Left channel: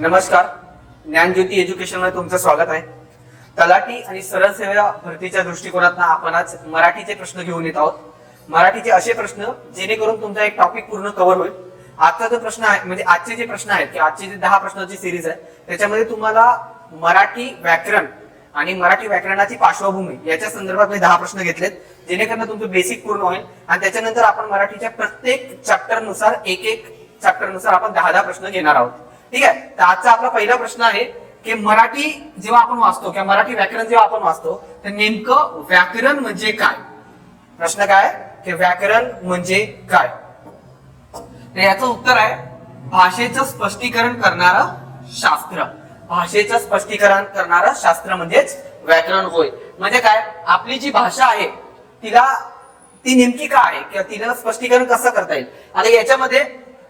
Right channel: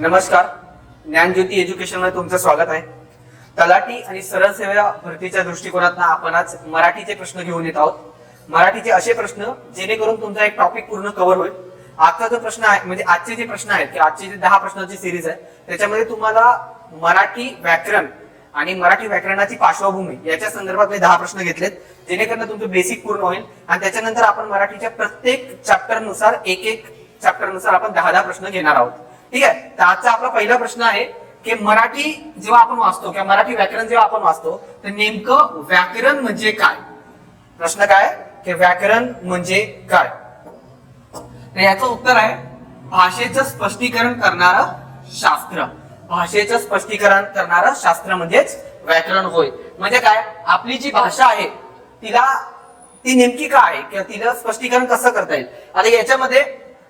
नमस्कार, ज्ञानज्योती एज्युकेशन मध्ये तुमचं स्वागत आहे. तलाठी आणि सरळ सेवा भरतीच्या दृष्टिकोनातून आपण आज मराठीचे प्रश्न घेऊन येत आहोत. मराठीचे असे प्रश्न जेणेकरून तुमचा एक टॉपिक पूर्ण कव्हर होईल. आजचा जो प्रश्न आहे म्हणजे आजचे जे प्रश्न आहेत की आजची जे 10 प्रश्नांची सिरीज आहे त्याच्यामध्ये तुम्हाला मराठी व्याकरण आणि मराठी व्याकरणाची पार्श्वभूमी याच्या संदर्भात 10 प्रश्न घेतलेत जेणेकरून तुमचं बेसिक पूर्ण होईल आणि त्याच्यानंतर आपण मराठीच्या प्रत्येक चॅप्टर नुसार एक चॅप्टर नुसार आपण 10 प्रश्न घेणार आहोत. ठीक आहे. तर आजचा आपला पहिला प्रश्न आहे की मराठी जेव्हा आपण वाचतो किंवा मराठी व्याकरण जेव्हा आपण वाचतो तर नेमकं व्याकरण म्हणजे काय. प्रश्न काय की व्याकरण म्हणजे काय. तर याचं उत्तर आहे भाषेचं स्पष्टीकरण करणारं शास्त्र. भाषेचं स्पष्टीकरण करणारं शास्त्र म्हणजेच व्याकरण होय. म्हणजे काय, आपली जी भाषा आहे ती नेमकी काय आहे किंवा तिला स्पष्टीकरण कसं करता येईल. आता याच्यामध्ये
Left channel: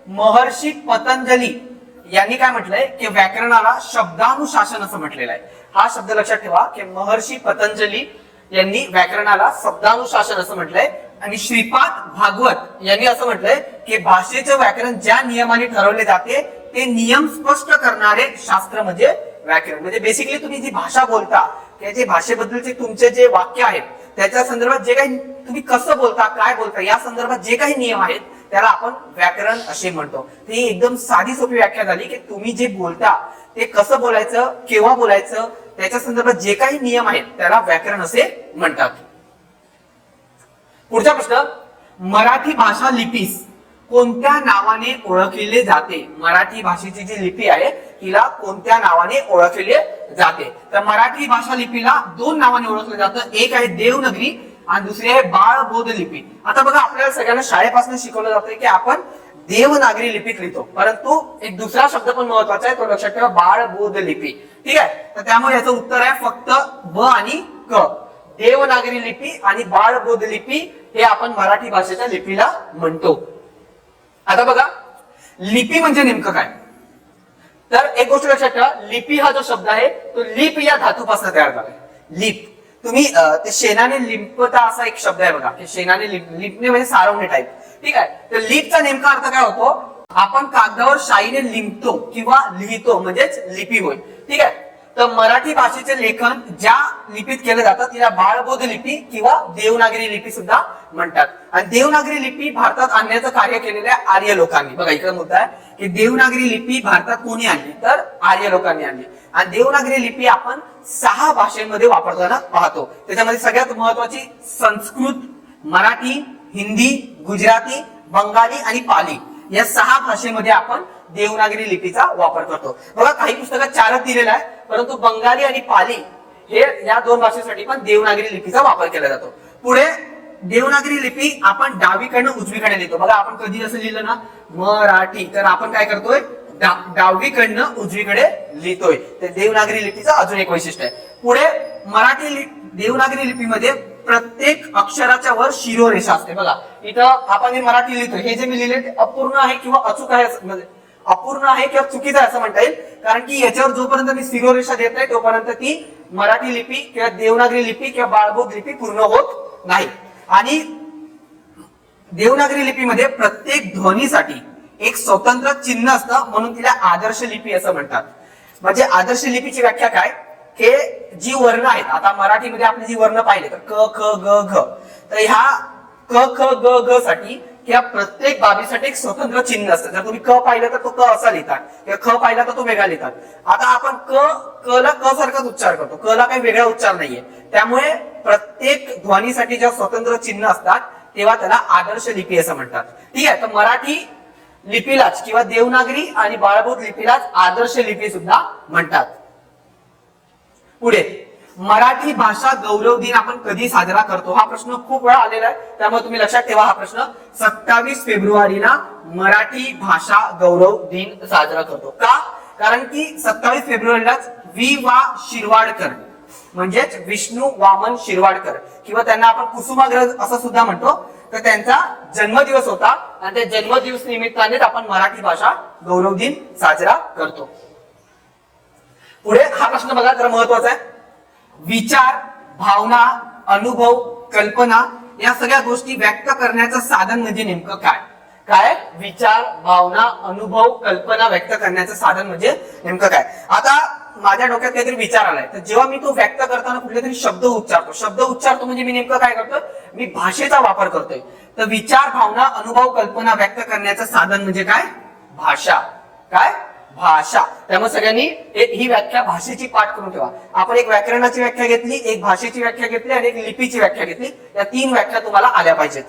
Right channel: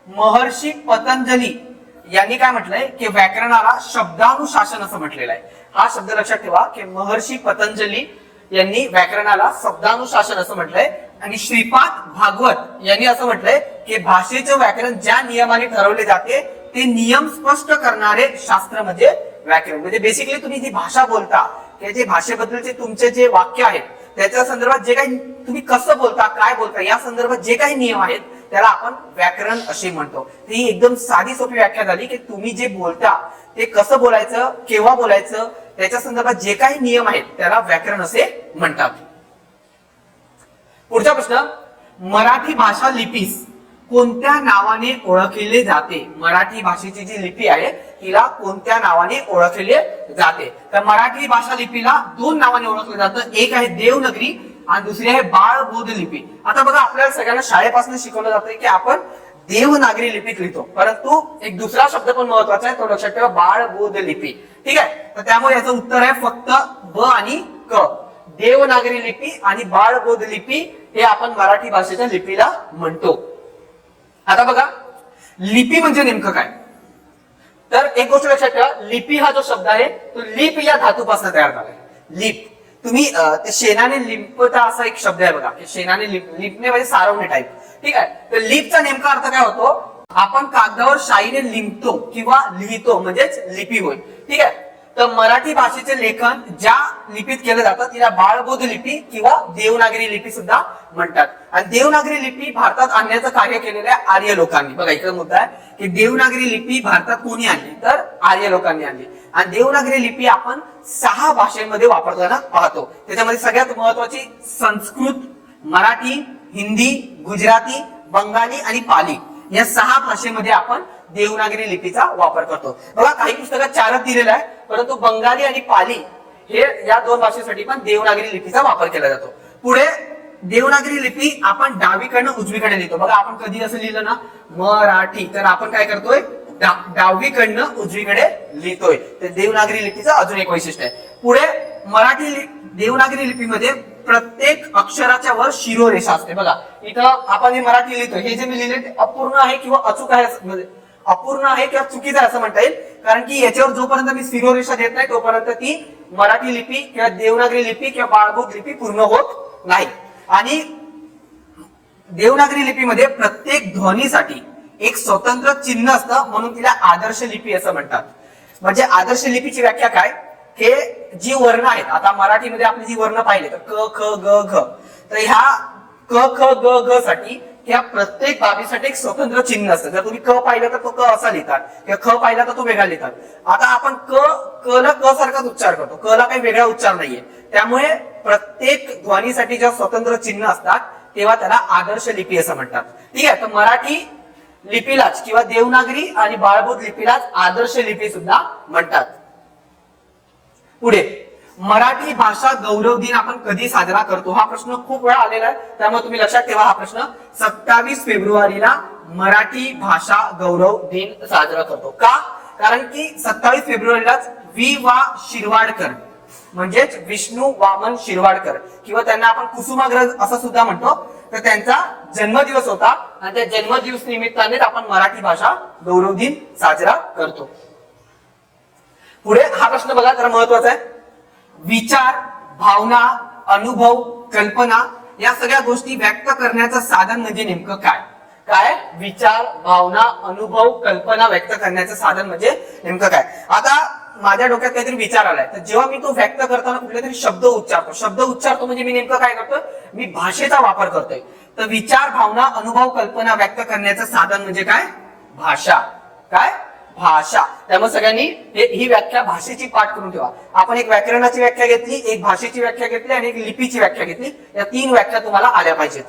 महर्षी पतंजली यांनी काय म्हटलंय की व्याकरणाला शब्दानुशासन असं म्हटलेलं आहे. हा शब्द लक्षात ठेवा की महर्षी पतंजली यांनी व्याकरणाला शब्दानुशासन असं म्हटलंय आणि श्रीपाद भागवत यांनी असं म्हटलंय की भाषेचे व्याकरण ज्या नियमाने ठरवले जाते ते नियम स्पष्ट करणारे शास्त्र म्हणजे व्याकरण. म्हणजे बेसिकली तुम्ही जी भाषा बोलता किंवा जे भाषेबद्दलचे तुमचे जे वाक्य आहेत त्याच्या संदर्भात जे काही तुम्ही कसं बोलता काय बोलता या संदर्भात जे काही नियम आहेत त्याला आपण व्याकरण असे म्हणतो. ही एकदम साधी सोपी व्याख्या झाली की तुम्ही जे बोलता ते कसं बोलायचं केव्हा बोलायचं त्याच्या संदर्भात जे काही नियम आहेत त्याला व्याकरण असे म्हणतात. पुढचा प्रश्न, मराठी भाषा लिपीस कोणत्या नावाने ओळखले जाते. मराठी भाषेची जी लिपी आहे तिला कोणत्या नावाने ओळखले जाते. तर मराठी भाषा लिपीला 2 नावाने ओळखले जातं. एक आहे देवनागरी आणि दुसरी आहे बाळबोध लिपी. आता बघा आपल्याला सगळ्यांना शाळेपासून शिकवलं जातं की आपण देवनागरी लिपीत लिहितो, परंतु एक दुसरा शब्द पण महत्वाचा आहे तो लक्षात ठेवा, बाळबोध लिपी. ठीक आहे. तर त्यामुळे याचं उत्तर आहे फक्त ब आणि क. देवनागरी लिपी आणि बाळबोध लिपी हे आपण मराठी भाषेच्या लिपीला म्हणतो. आता बघा लिपी म्हणजे नेमकं काय. तर एक गोष्ट लक्षात ठेवा, लिपी हा जो शब्द आहे तो लिप या धातूपासून तयार झालाय. लिप तुम्ही ते शेणाने लिपता असा एक शब्द आहे बघा की शेणाने लिपणे म्हणजे सारवणे टाईप. ठीक आहे. तर लिपचा नेमका अर्थ काय होतो, आपण कागदावर शाईने लिंबतो किंवा लिहितो म्हणजेच लिपी होय. ठीक आहे. तर मराठी भाषेचे लेखन ज्या लिपीत केलं जातं तिला बाळबोध लिपी किंवा देवनागरी लिपी सुद्धा म्हणतात. आणि देवनागरी लिपी भारतात आणण्याचं कार्य केलेलं आहे आर्य लोकांनी. बघा इकडे मुद्दा आहे की देवनागरी लिपी भारतात कोणी आणली तर आर्य लोकांनी आणली. आणि देवनागरी लिपी आपण 6 भाषेमध्ये वापरताना पाहतो. त्याच्यामध्ये सगळ्यात महत्वाची संस्कृत, मराठी, हिंदी, गुजराती, बंगाली आणि पाली या 6 भाषेमध्ये आपण देवनागरी लिपीचा वापर करतो. बघा काही पुस्तकात 4च दिलेला आहे, परंतु बंगाली आणि पाली हे या 2 भाषेसाठी पण देवनागरी लिपीचा वापर केला जातो. पुढे देवनागरी लिपी आपण डावीकडनं उजवीकडे लिहितो. बघा आपण कधी असं लिहिलं ना मराठी तर आपण काय करतोय डावीकडनं उजवीकडे लिहितोय. तर देवनागरी लिपीचं अजून एक वैशिष्ट्य आहे. पुढे मराठी देवनागरी लिपीमध्ये प्रत्येक अक्षराच्या वर शिरोरेषा असते. बघा इथं आपण हे मराठी लिहितोय, हे जे मी लिहिले ते अपूर्ण आहे किंवा अचूक आहे, म्हणजे अपूर्ण आहे किंवा चुकीचं आहे असं म्हणता येईल. कारण की याच्यावर जोपर्यंत मी शिरोरेषा देत नाही तोपर्यंत ती मराठी लिपी किंवा देवनागरी लिपी किंवा बाळबोध लिपी पूर्ण होत नाही. आणि देवनागरी लिपीमध्ये प्रत्येक ध्वनीसाठी एक स्वतंत्र चिन्ह असतं म्हणून तिला आदर्श लिपी असं म्हणतात. म्हणजे आदर्श लिपीची व्याख्या काय, हे जी वर्ण आहेत, आता मराठीमध्ये आपली जी वर्ण पाहिले तर क ख ग घ, तर ह्या क ख ग घ साठी ह्या प्रत्येक बाबीसाठी एक स्वतंत्र चिन्ह असतं. जर तुम्ही क पाहिला तर तो क असा लिहितात किंवा ख पाहिला तर तो वेगळा लिहितात. आता आपण क ला क सारखाच उच्चार करतो, क ला काही वेगळा उच्चार नाहीये. त्यामुळे प्रत्येक ध्वनीसाठी जेव्हा स्वतंत्र चिन्ह असतात तेव्हा त्याला आदर्श लिपी असं म्हणतात. ठीक आहे. तर मराठी लिपीलाच किंवा देवनागरी आणि बाळबोध लिपीलाच आदर्श लिपी सुद्धा म्हणतात. पुढे मराठी भाषा गौरव दिन आपण कधी साजरा करतो हा प्रश्न खूप वेळा आलेला आहे, त्यामुळे तुम्ही लक्षात ठेवा हा प्रश्न 27 फेब्रुवारीला मराठी भाषा गौरव दिन साजरा करतो. का, कारण की 27 फेब्रुवारीलाच वि वा शिरवाडकर म्हणजेच विष्णू वामन शिरवाडकर किंवा त्यांना आपण कुसुमाग्रज असं सुद्धा म्हणतो, तर त्यांचा जन्मदिवस होता आणि त्या जन्मदिवस निमित्ताने आपण मराठी भाषा गौरव दिन साजरा करतो. पुढे हा प्रश्न बघा जरा महत्वाचा आहे. विचार, भावना, अनुभव, कल्पना या सगळ्या गोष्टी व्यक्त करण्याचं साधन म्हणजे नेमकं काय. काय विचार, भावना, अनुभव, कल्पना व्यक्त करण्याचं साधन म्हणजे नेमकं काय. आता माझ्या डोक्यात काहीतरी विचार आलाय, तर जेव्हा मी तो व्यक्त करताना कुठले तरी शब्द उच्चारतो म्हणजे मी नेमकं काय करतोय, मी भाषेचा वापर करतोय. तर विचार, भावना, अनुभव, कल्पना व्यक्त करण्याचं साधन म्हणजे काय, भाषा. काय, भाषा. त्यामुळे सगळ्यांनी ही व्याख्या भाषेची पाठ करून ठेवा. आपण एक व्याकरणाची व्याख्या घेतली, एक भाषेची व्याख्या घेतली आणि एक लिपीची व्याख्या घेतली. या 3 व्याख्या तुम्हाला आल्या पाहिजेत.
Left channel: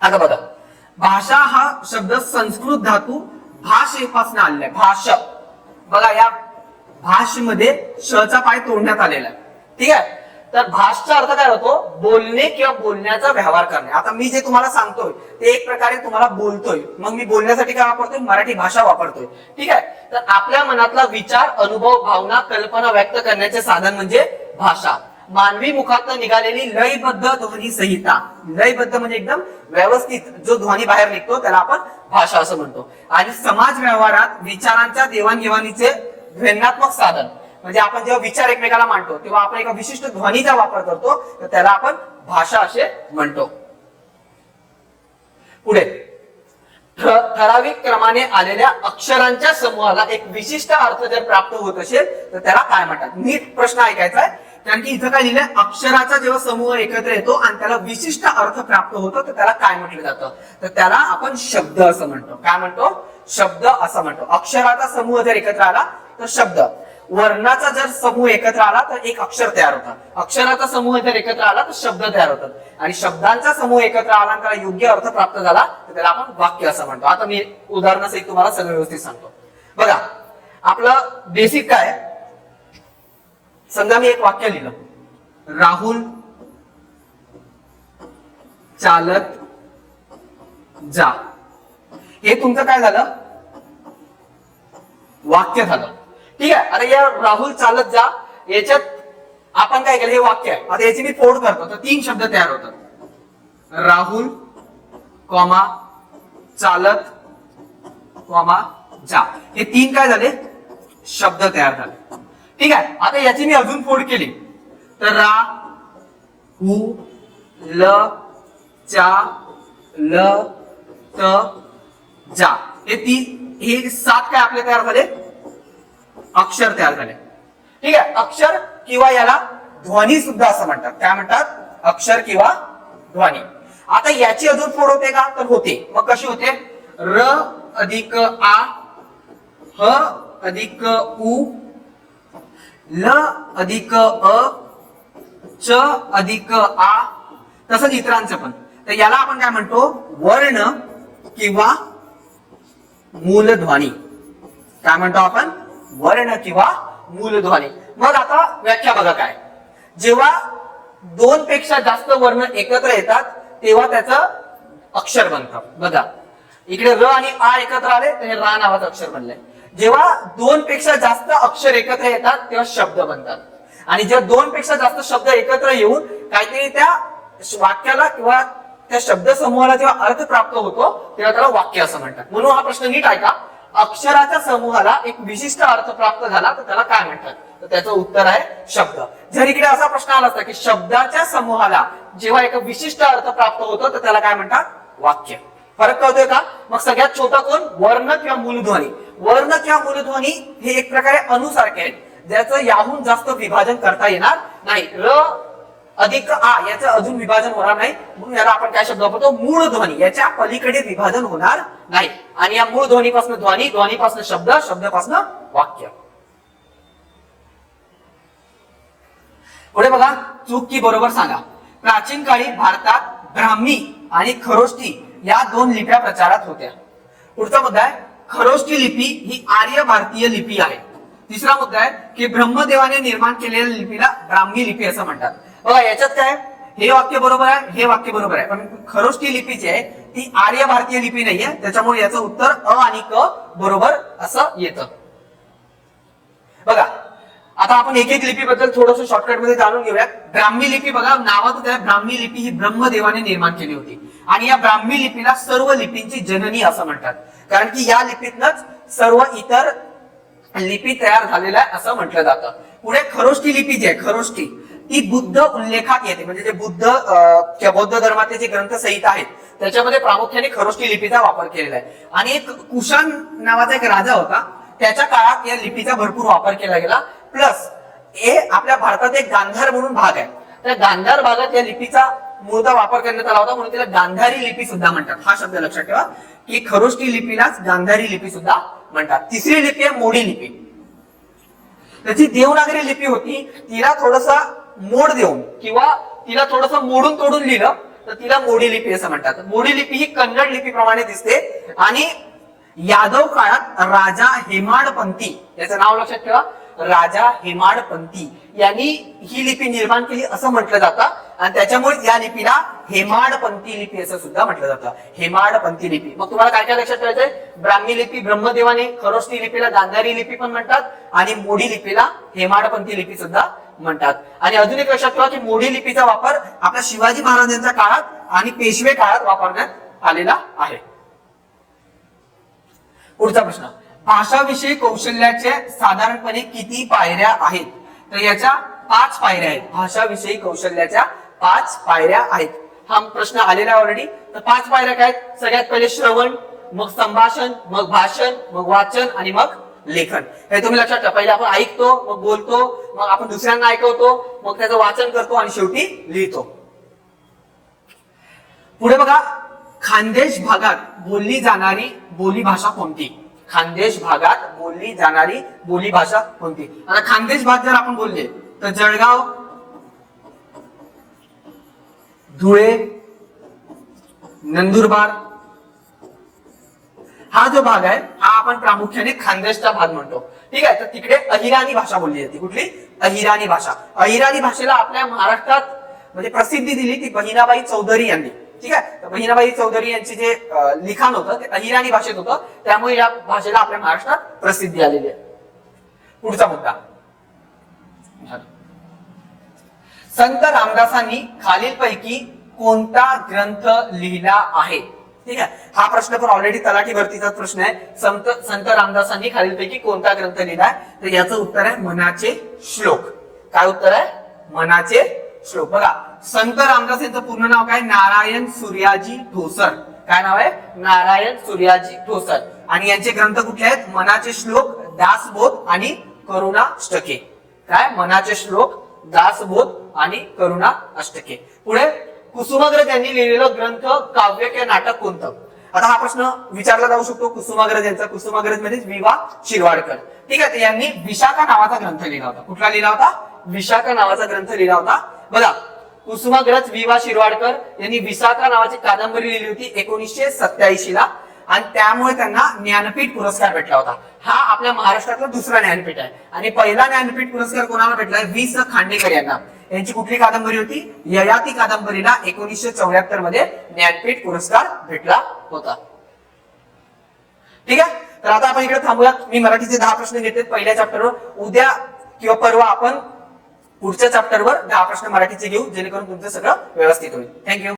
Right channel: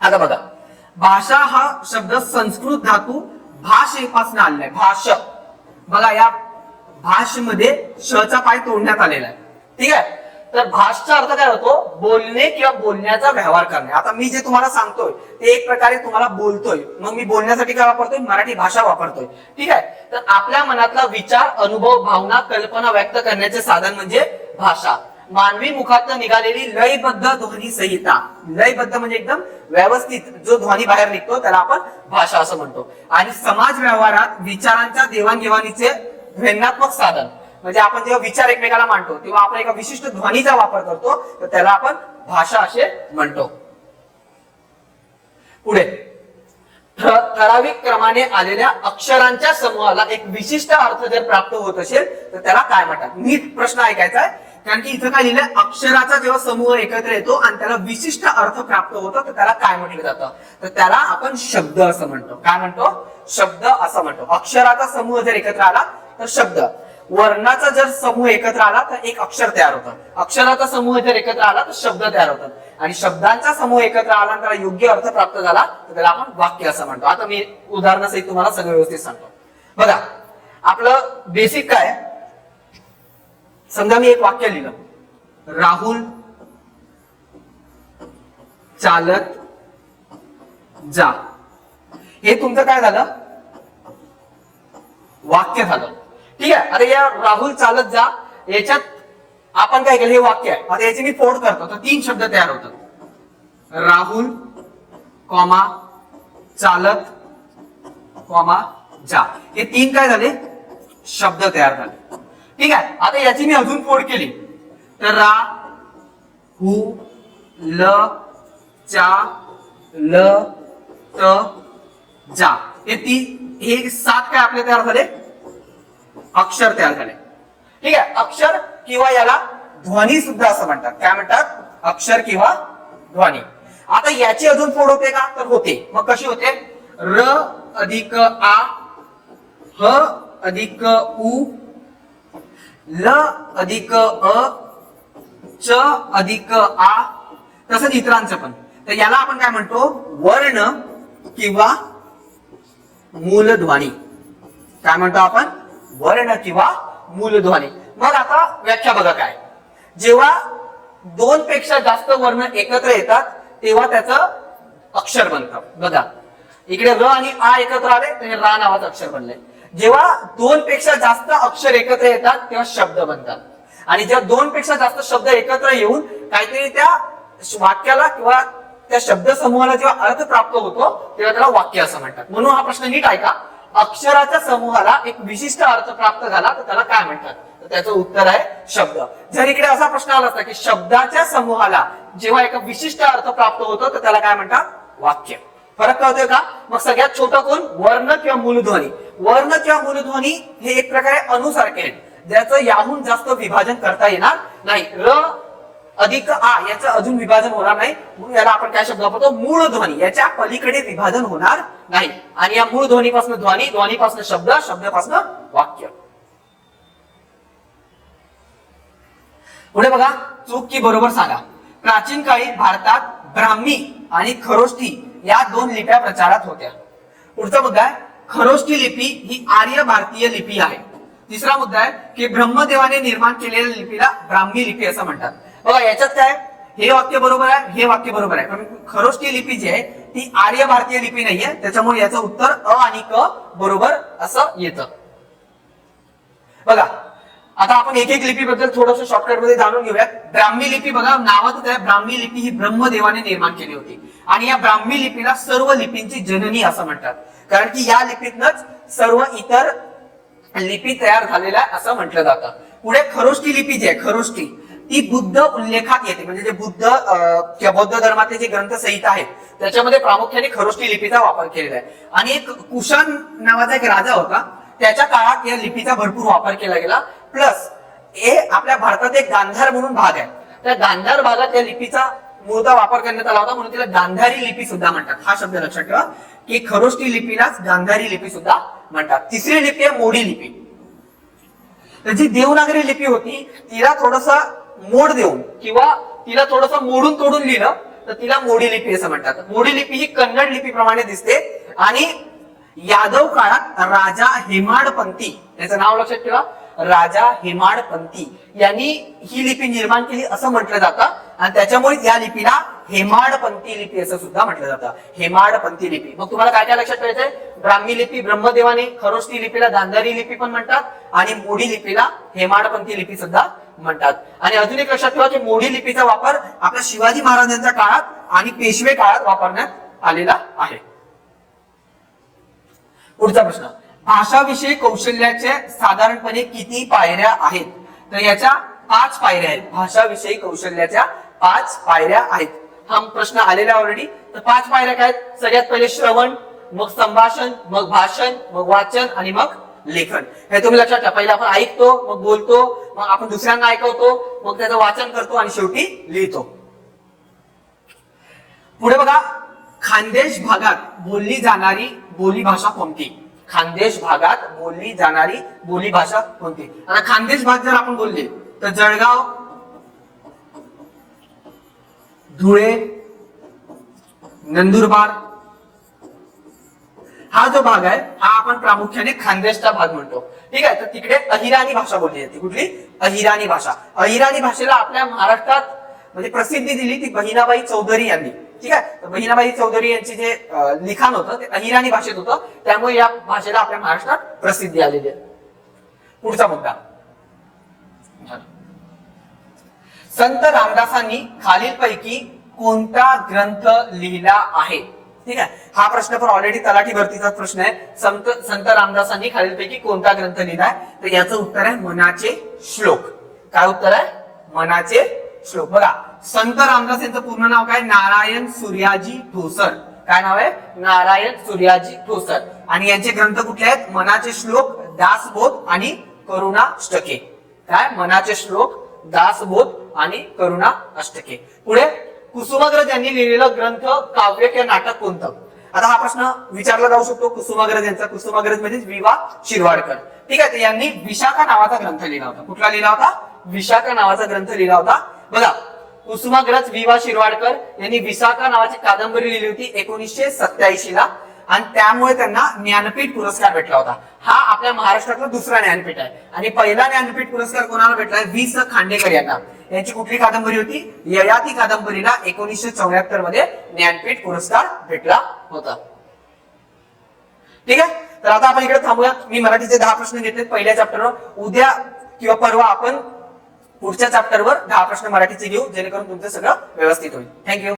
आता बघा, भाषा हा शब्द संस्कृत धातू भाषेपासून आलेला आहे. भाष, बघा या भाषेमध्ये शचा पाय तोडण्यात आलेला आहे. ठीक आहे. तर भाषचा अर्थ काय होतो, बोलणे किंवा बोलण्याचा व्यवहार करणे. आता मी जे तुम्हाला सांगतोय ते एक प्रकारे तुम्हाला बोलतोय, मग मी बोलण्यासाठी काय वापरतोय, मराठी भाषा वापरतोय. ठीक आहे. तर आपल्या मनातला विचार, अनुभव, भावना, कल्पना व्यक्त करण्याचे साधन म्हणजे भाषा. मानवी मुखातून निघालेली लयबद्ध ध्वनी संहिता, लयबद्ध म्हणजे एकदम व्यवस्थित जो ध्वनी बाहेर निघतो त्याला आपण भाषा असं म्हणतो. आणि समाज व्यवहारात विचारांच्या देवाणघेवाणीचे ध्वन्यात्मक साधन, म्हणजे आपण जेव्हा विचार एकमेकाला मांडतो तेव्हा आपण एका विशिष्ट ध्वनीचा वापर करतो, तर त्याला आपण भाषा असे म्हणतो. पुढे, ठराविक क्रमाने आलेल्या अक्षरांच्या समूहाला एक विशिष्ट अर्थ जर प्राप्त होत असेल तर त्याला काय म्हणतात. नीट प्रश्न ऐकायचा आहे, कारण की इथं काय लिहिलंय, अक्षराचा जेव्हा समूह एकत्र येतो आणि त्याला विशिष्ट अर्थ प्राप्त होतो तर त्याला काय म्हटलं जातं, तर त्याला आपण शब्द असं म्हणतो. काय म्हणतो, शब्द असं म्हणतो. अक्षराचा समूह जर एकत्र आला तर शब्द, वर्णाचा जर समूह एकत्र आला तर एक अक्षर तयार होतं, अक्षराचा समूह जर एकत्र आला तर शब्द तयार होतात, आणि शब्दांचा समूह एकत्र आला त्याला योग्य अर्थ प्राप्त झाला तर त्याला आपण वाक्य असं म्हणतो. आता मी उदाहरणासहित तुम्हाला सगळं व्यवस्थित सांगतो. बघा, आपलं बेसिक काय, समजा मी एक वाक्य लिहिलं, राहुल चालत जा. हे तुमचं काय झालं, वाक्य झालं. ठीक आहे. आता या राहुल चालत जा याच्यात आपण काय केलं, हे वाक्य आहे. आता याची मी फोड करतो तर 3 शब्द तयार होतात, राहुल कॉमा चालत कॉमा जा. हे 3 काय झाले, शब्द तयार झाले. ठीक आहे. आता याची मी अजून फोड केली तर रा हु ल चा ल त जा, हे 7 काय आपले तयार झाले, अक्षर तयार झाले. ठीक आहे. अक्षर किंवा याला ध्वनी सुद्धा असं म्हणतात. काय म्हणतात, अक्षर किंवा ध्वनी. आता याची अजून फोड होते का, तर होते. मग कशी होते, र अधिक आ, ह अधिक उ, ल अधिक अ, च अधिक आ, तसंच इतरांचं पण. तर याला आपण काय म्हणतो, वर्ण किंवा मूलध्वनी. काय म्हणतो आपण, वर्ण किंवा मूलध्वनी. मग आता व्याख्या बघा काय, जेव्हा 2 पेक्षा जास्त वर्ण एकत्र येतात तेव्हा त्याचं अक्षर बनतं. बघा, इकडे र आणि आ एकत्र आले तर रा नावाचं अक्षर बनलंय. जेव्हा 2 पेक्षा जास्त अक्षर एकत्र येतात तेव्हा शब्द बनतात, आणि जेव्हा 2 पेक्षा जास्त शब्द एकत्र येऊन काहीतरी त्या वाक्याला किंवा त्या शब्द समूहाला जेव्हा अर्थ प्राप्त होतो तेव्हा त्याला वाक्य असं म्हणतात. म्हणून हा प्रश्न नीट ऐका, अक्षराच्या समूहाला एक विशिष्ट अर्थ प्राप्त झाला तर त्याला काय म्हणतात, तर त्याचं उत्तर आहे शब्द. जर इकडे असा प्रश्न आला असता की शब्दाच्या समूहाला जेव्हा एक विशिष्ट अर्थ प्राप्त होतो तर त्याला काय म्हणतात, वाक्य. फरक कळतोय का. मग सगळ्यात छोटा कोण, वर्ण किंवा मूलध्वनी. वर्ण किंवा मूलध्वनी हे एक प्रकारे अनुसारखे आहेत, ज्याचं याहून जास्त विभाजन करता येणार नाही. र अधिक आ याचं अजून विभाजन होणार नाही, म्हणून याला आपण काय शब्द वापरतो, मूळ ध्वनी. याच्या पलीकडे विभाजन होणार नाही. आणि या मूळ ध्वनीपासून ध्वनी, ध्वनीपासून शब्द, शब्दापासून वाक्य. पुढे बघा, चूक की बरोबर सांगा. प्राचीन काळी भारतात ब्राह्मी आणि खरोष्टी या 2 लिप्या प्रचारात होत्या. पुढचा मुद्दा आहे, खरोष्टी लिपी ही आर्य भारतीय लिपी आहे. तिसरा मुद्दा आहे की ब्रह्मदेवाने निर्माण केलेल्या लिपीला ब्राह्मी लिपी असं म्हणतात. बघा, याच्यात काय, हे वाक्य बरोबर आहे, हे वाक्य बरोबर आहे, पण खरोष्टी लिपी जी आहे ती आर्य भारतीय लिपी नाहीये, त्याच्यामुळे याचं उत्तर अ आणि क बरोबर असं येतं. बघा, आता आपण एक एक लिपीबद्दल थोडंसं शॉर्टकट मध्ये जाणून घेऊया. ब्राह्मी लिपी, बघा नावात आहे, ब्राह्मी लिपी ही ब्रह्मदेवाने निर्माण केली होती, आणि या ब्राह्मी लिपीला सर्व लिपींची जननी असं म्हणतात, कारण की या लिपीतनच सर्व इतर लिपी तयार झालेल्या असं म्हटलं जातं. पुढे खरोष्टी लिपी जी आहे, खरोष्टी, ती बुद्ध उल्लेखात येते. म्हणजे जे बुद्ध किंवा बौद्ध धर्मातले जे ग्रंथ संहिता आहेत त्याच्यामध्ये प्रामुख्याने खरोष्टी लिपीचा वापर केलेला आहे. आणि एक कुशाण नावाचा एक राजा होता, त्याच्या काळात या लिपीचा भरपूर वापर केला गेला. प्लस हे आपल्या भारतात एक गांधार म्हणून भाग आहे, त्या गांधार भागात या लिपीचा मूळचा वापर करण्यात आला होता, म्हणून तिला गांधारी लिपी सुद्धा म्हणतात. हा शब्द लक्षात ठेवा की खरोष्टी लिपीलाच गांधारी लिपी सुद्धा म्हणतात. तिसरी लिपी आहे मोडी लिपी. त्याची देवनागरी लिपी होती, तिला थोडसा मोड देऊन किंवा तिला थोडस मोडून तोडून लिहिलं तर तिला मोडी लिपी असं म्हणतात. मोडी लिपी ही कन्नड लिपीप्रमाणे दिसते आणि यादव काळात राजा हेमाडपंती, याचं नाव लक्षात ठेवा, राजा हेमाडपंती यांनी ही लिपी निर्माण केली असं म्हटलं जातं. आणि त्याच्यामुळे या लिपीला हेमाडपंती लिपी असं सुद्धा म्हटलं जातं. हेमाडपंती लिपी. मग तुम्हाला काय काय लक्षात ठेवायचंय? ब्राह्मी लिपी ब्रह्मदेवाने, खरोष्टी लिपीला गांधारी लिपी पण म्हणतात आणि मोडी लिपीला हेमाडपंती लिपी सुद्धा म्हणतात. आणि अजून एक लक्षात ठेवा की मोडी लिपीचा वापर आपल्या शिवाजी महाराजांच्या काळात आणि पेशवे काळात वापरण्यात आलेला आहे. पुढचा प्रश्न, भाषाविषयी कौशल्याचे साधारणपणे किती पायऱ्या आहेत? तर याच्या 5 पायऱ्या आहेत. भाषाविषयी कौशल्याच्या 5 पायऱ्या आहेत. हा प्रश्न आलेला ऑलरेडी. तर 5 पायऱ्या काय आहेत? सगळ्यात पहिले श्रवण, मग संभाषण, मग भाषण, मग वाचन आणि मग लेखन. हे तुम्ही लक्षात ठेवा. पहिले आपण ऐकतो, मग बोलतो, मग आपण दुसऱ्यांना ऐकवतो, मग त्याचं वाचन करतो आणि शेवटी लिहितो. पुढे बघा, खानदेश भागात बोलली जाणारी बोली भाषा कोणती? खानदेश भागात बोलली जाणारी बोली भाषा कोणती? आता खानदेश भाग जर आपण बोलले तर जळगाव, धुळे, नंदुरबार हा जो भाग आहे हा आपण प्रामुख्याने खानदेशचा भाग म्हणतो. ठीक आहे. तर तिकडे अहिराणी भाषा बोलली जाते. कुठली? अहिराणी भाषा. अहिराणी भाषेला आपल्या महाराष्ट्रात म्हणजे प्रसिद्धी दिली ती बहिणाबाई चौधरी यांनी. ठीक आहे. बहिणाबाई चौधरी यांचे जे लिखाण होतं ते अहिराणी भाषेत होतं, त्यामुळे या भाषेला आपल्या महाराष्ट्रात प्रसिद्धी आलेली आहे. पुढचा मुद्दा, संत रामदासांनी खालीलपैकी कोणता ग्रंथ लिहिला आहे? ठीक आहे. हा प्रश्न पण ऑलरेडी तलाठी भरतीचा प्रश्न आहे. संत रामदासांनी खालीलपैकी कोणता ग्रंथ लिहिलाय? तर याचं उत्तर आहे मनाचे श्लोक. काय उत्तर आहे? मनाचे श्लोक. बघा, संत रामदास यांचं पूर्ण नाव काय? नारायण सूर्याजी ठोसर. काय नाव आहे? नारायण सूर्याजी ठोसर. आणि यांचे ग्रंथ कुठले आहेत? मनाचे श्लोक, दासबोध आणि करुणाष्टके. काय? मनाचे श्लोक, दासबोध आणि करुणाष्टके. पुढे, कुसुमाग्रज यांनी लिहिलेलं ग्रंथ, काव्य किंवा नाटक कोणतं? आता हा प्रश्न विचारला जाऊ शकतो. कुसुमाग्रज यांचा, कुसुमाग्रज म्हणजे विवा शिरवाडकर. ठीक आहे. यांनी विशाखा नावाचा ग्रंथ लिहिला होता. कुठला लिहिला होता? विशाखा नावाचा ग्रंथ लिहिला होता. बघा, कुसुमाग्रज विवा शिरवाडकर यांनी विशाखा नावाची कादंबरी लिहिली होती 1987 ला आणि त्यामुळे त्यांना ज्ञानपीठ पुरस्कार भेटला होता. हा आपल्या महाराष्ट्रातला दुसरा ज्ञानपीठ आहे. आणि पहिला ज्ञानपीठ पुरस्कार कोणाला भेटलाय? वि.स. खांडेकर यांना. यांची कुठली कादंबरी होती? ययाती कादंबरीला 1974 मध्ये ज्ञानपीठ पुरस्कार भेटला होता. ठीक आहे. तर आता आपण इकडे थांबूयात. मी मराठीचे 10 प्रश्न घेतले पहिल्या चॅप्टरवर. उद्या किंवा परवा आपण पुढच्या चॅप्टरवर 10 प्रश्न मराठीचे घेऊ, जेणेकरून तुमचं सगळं व्यवस्थित होईल. थँक्यू.